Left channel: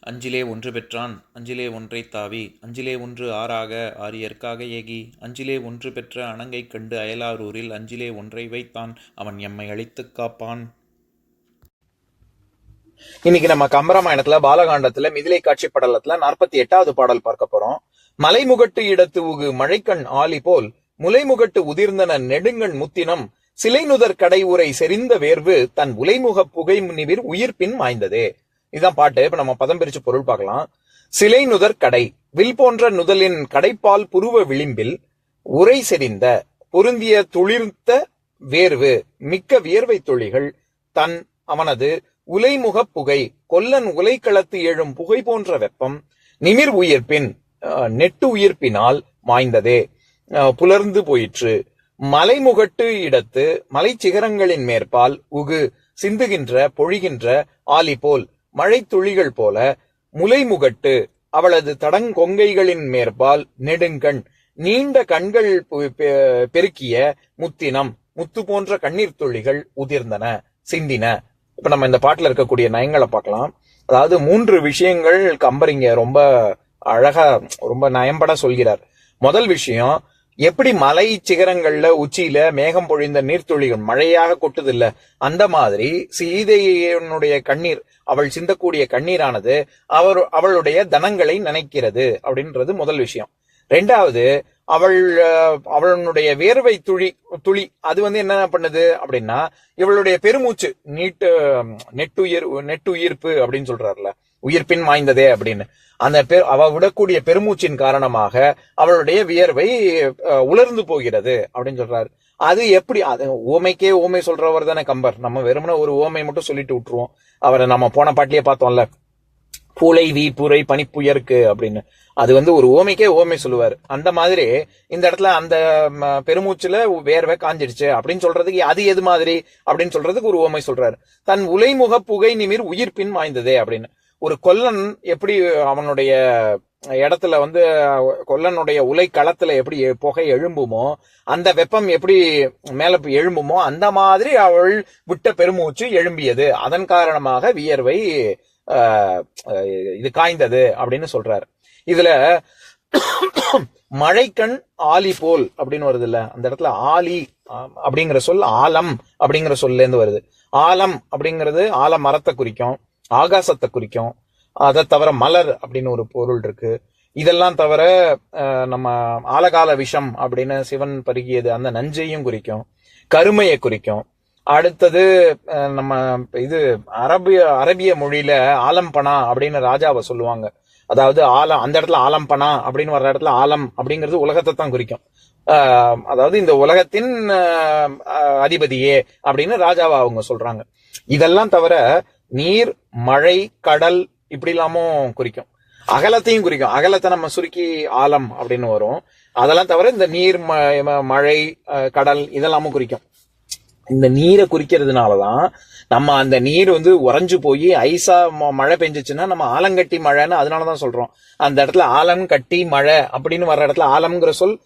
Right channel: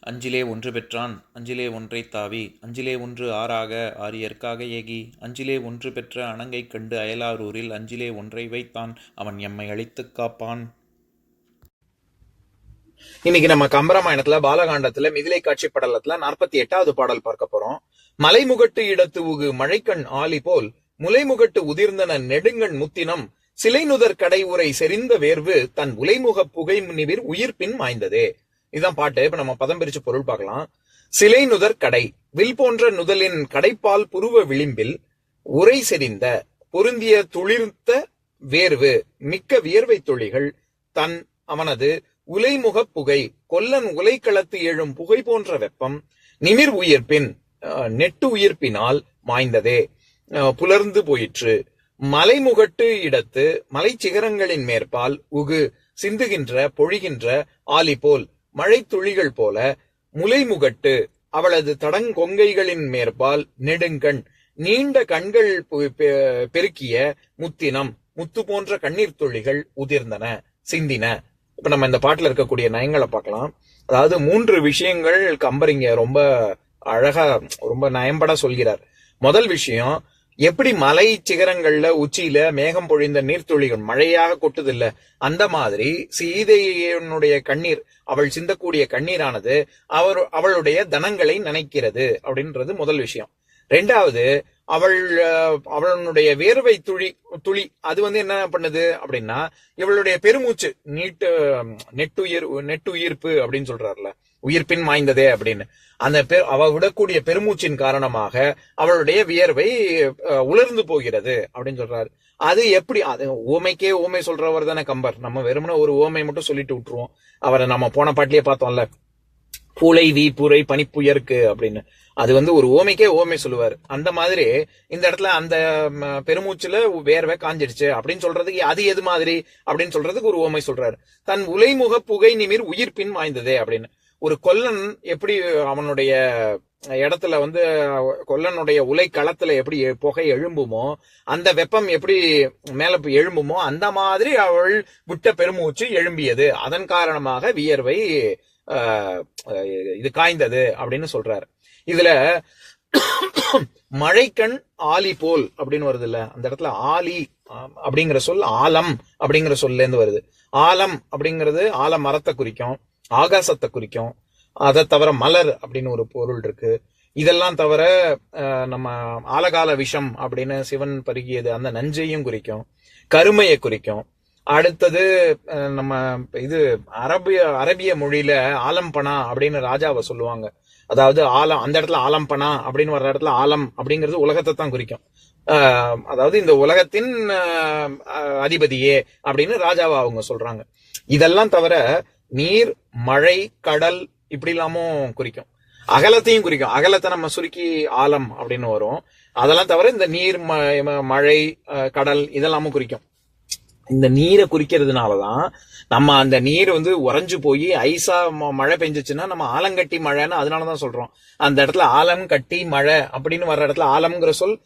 அஞ்சிலே ஒன்று பெற்றான் அஞ்சிலே ஒன்றை தாவி அஞ்சிலே ஒன்று ஆறாக ஆரியற்காக ஏகி அஞ்சிலே ஒன்று பெற்ற அணங்கை கண்டு அயலாரூரில் அஞ்சிலே ஒன்றை வைத்தான் அவன் எம்மை அழித்துக் காப்பான். இன்னைக்கு நம்ம கம்பராமாயணத்துல பாலகாண்டத்துல மிதிலை காட்சி படலத்துல நாற்பத்தி எட்டாவது பாடல் பார்க்க போறோம். மலைமுகட்டு இடத்து உகு மழைக்கண் ஆலி போல் முலைமுகட்டு உதிர்ந்தன நெடுங்கண் முத்தினம் சிலைநுதர் கடை உரை செறிந்த வேர்வு தன் உலைமுக புகை நிவிர் உயிர்ப்பின் மாய்ந்ததே. இதான் பாட்டு. இப்ப நம்ம பதம் பிரிச்சு பொருள் பார்க்கலாம். சிலை நுதர் கடை. வில் போன்ற நுதலின் கடைப்பால் புருவ விளிம்பில் உரை செறிந்த பொருந்திய துளிர்த்த வேர்வு மிக்க வியர்வை துளிகள் தன் அவனது உலைமுக புகை கொல்லன் உலைக்களத்து எழும் புகை போன்ற வெப்பம் நிமிர் உயிர்ப்பின் நெட்டு உயிர்ப்பினால் மாய்ந்ததே. புலர்ந்து போயிற்று. மலைமுகட்டு இடத்து மலை சிகரங்களின் மேற்பால் உகு சிந்துகின்ற பொழிகின்ற ஆலி போல் மழைத்துளிகள் போல முலைமுகட்டு அவளது தடங்கொங்கைகளின் மேற்பால் நெடுங்கண் நீண்ட கண்கள் பெருக்கிய முத்தினம் முத்து போன்ற கண்ணீர் துளிகள் உதிர்ந்தன சிந்தின. இப்ப நம்ம இந்த பாட்டுல இருக்கக்கூடிய நயங்களை பார்க்கலாம். அதாவது மூன்று விஷயங்கள் கம்பர் இங்க ரொம்ப அழகா ரொம்ப நயம்பட சொல்கிறார். முதல் விஷயம் எப்படி மலை சிகரங்கள்ல உச்சியில மேகம் பொழிந்த நீர்த்துளிகள் மழையாக கொட்டுது இல்ல அந்த மாதிரி சீதையனுடைய கண்ணீர் அவள் சிந்தக்கூடிய கண்ணீரானது அவர் அவளுடைய தனங்களை நினைக்கிறது அப்படின்றது முதல் விஷயம். ரெண்டாவது அவள் அவளுடைய வேர்வை துளி துளி அது வந்து என்ன பண்ணுது அப்படின்னா இவளுடைய பெருமூச்சு நீட்டு நெட்டுயிர் நெட்டுயிர்ப்பு அப்படின்னு சொல்றாருல. உயிர்ப்பின் வாய்ந்ததே அப்படின்னு. அந்த பெரு அவ விடக்கூடிய பெருமூச்சின் காரணமாக அவளுடைய வியர்வை அஹ், உலர்ந்து போகிறது அப்படின்னு சொல்றாரு. அது எப்படி அது ஓமைக்கே ஓமை சொல்றவர் தானே கம்பர். நம்ம வெறுமனே ஒரு ஓமை மட்டும் சொல்லிட்டு விட்டுருவோம். அவரை நம்ம போன பாட்டிலேயே பார்த்தோம்ல. பூலை வீ பூரை பனிப்புயருக்கு அப்படின்னு. அது வந்து ஒரு ஓமைக்கே ஓமை சொல்லுவார். அந்த மாதிரி இந்த இடத்துல அந்த பெருமூச்சுல வேர்வை காஞ்சிடுச்சு அப்படின்னு சொல்றதுக்கு அது எது மாதிரி அப்படின்னு சொல்றதுக்கு ஒரு ஓமை சொல்றாரு. தன் உலைமுக புகை நிமிர் உயிர்ப்பின் வாய்ந்ததே அப்படின்னு. ஒரு கொல்லன் எப்படி அவனுடைய இடத்துல வந்து கொல்லனுடைய உலை களத்துல எப்படி எ- புகை எழும்புமோ அந்த வெப்பம் எப்படி மேல போய் எழும்புமோ அந்த மாதிரி அவள் விட்ட பெருமூச்சு எழும்பியது. அதன் காரணமாக வியர்வை இது காய்ந்தது அப்படின்னு சொல்றாரு. இதுல மழைக்கண் ஆலி போல் அப்படின்னு வருது இல்ல? அந்த இடத்துல ஆலி அப்படிங்கிற சொல் ஆலம் அப்படிங்கிற சொல்ல இருந்து வருது. ஆலம் அப்படிங்கிறது ஆல மரத்தை குறிக்கும். ஆகாசத்தை குறிக்கும். அதை தவிர மலர் அப்படின்னு ஒரு பொருள் இருக்கு. இதெல்லாம் தவிர நம்ம ஆலகால விஷம் அப்படின்னு சிவன் பருகியது அந்த நஞ்சையும் குறிக்கும். கருமையை குறிக்கும். அடுத்தது நம்ம இது அரபிய அரபிய மொழியில ஆலம்பனா அப்படின்னு ராஜாவை சொல்லுவாங்க. அதாவது ஆலம் அந்த இடத்துல ஆலம்பனா அப்படின்னு வர்ற இடத்துல ஆலம் அப்படிங்கிறது உலகத்தை தான் குறிக்கும். அதாவது இந்த உலகத்தின் அதிபதியே அப்படின்னு ராஜாவை அவங்க சொல்றாங்க. இதெல்லாம் தவிர நீர் மழை கடல் இப்படி இல்லாமும் குறிக்கும். அகலத்தையும் குறிக்கும். அகலத்தை நம்ம சுருக்கி ஆலம் அப்படின்னு வரும். அதெல்லாம் தவிர இந்த நீர் ம- மழை கடல் இதெல்லாமும் குறிக்கும். இந்த நீரை குறிக்கிறதுனாலதான் நம்ம அந்த நீர் வந்து உறைஞ்சு போய் ஐஸா மழை பெஞ்சிச்சுன்னா நம்ம ஆலங்கட்டி மழைன்னு அதனாலதான் சொல்றோம். அந்த இடத்துல ஆலம் கட்டி மழை அப்படின்னு வர்ற இடத்துல ஆலம்ங்கிற சொல்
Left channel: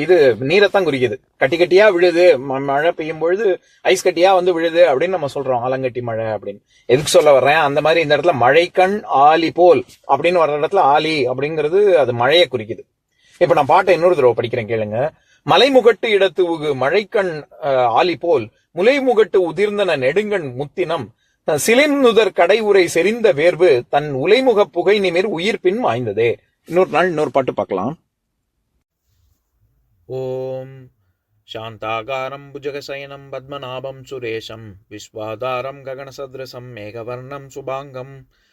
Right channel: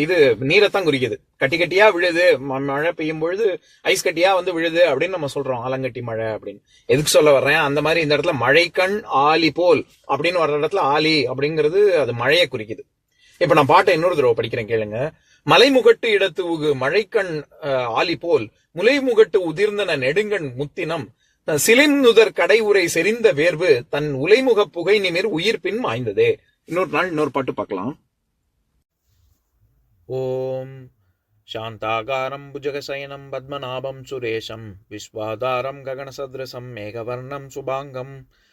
இது நீரைத்தான் குறிக்குது. கட்டி கட்டியா விழுது ம- மழை பெய்யும் பொழுது ஐஸ் கட்டியா வந்து விழுது அப்படின்னு நம்ம சொல்றோம் ஆலங்கட்டி மழை அப்படின்னு. எதுக்கு சொல்ல வர்றேன்? அந்த மாதிரி இந்த இடத்துல மழைக்கண் ஆலி போல் அப்படின்னு வர்ற இடத்துல ஆலி அப்படிங்கிறது அது மழையை குறிக்குது. இப்ப நான் பாட்டை இன்னொரு தடவை படிக்கிறேன் கேளுங்க. மலைமுகட்டு இடத்து உகு மழைக்கண் ஆலி போல் முலைமுகட்டு உதிர்ந்தன நெடுங்கண் முத்தினம். தன் சிலிம்நுதர் கடை உரை செறிந்த வேர்வு தன் உலைமுக புகை நிமிர் உயிர்ப்பின் வாய்ந்ததே இன்னொரு நாள் இன்னொரு பாட்டு பார்க்கலாம். ஓம் சாந்தாகாரம் புஜகசயனம் பத்மநாபம் சுரேஷம். விஸ்வாதாரம் ககனசத்ரசம் மேகவர்ணம் சுபாங்கம்.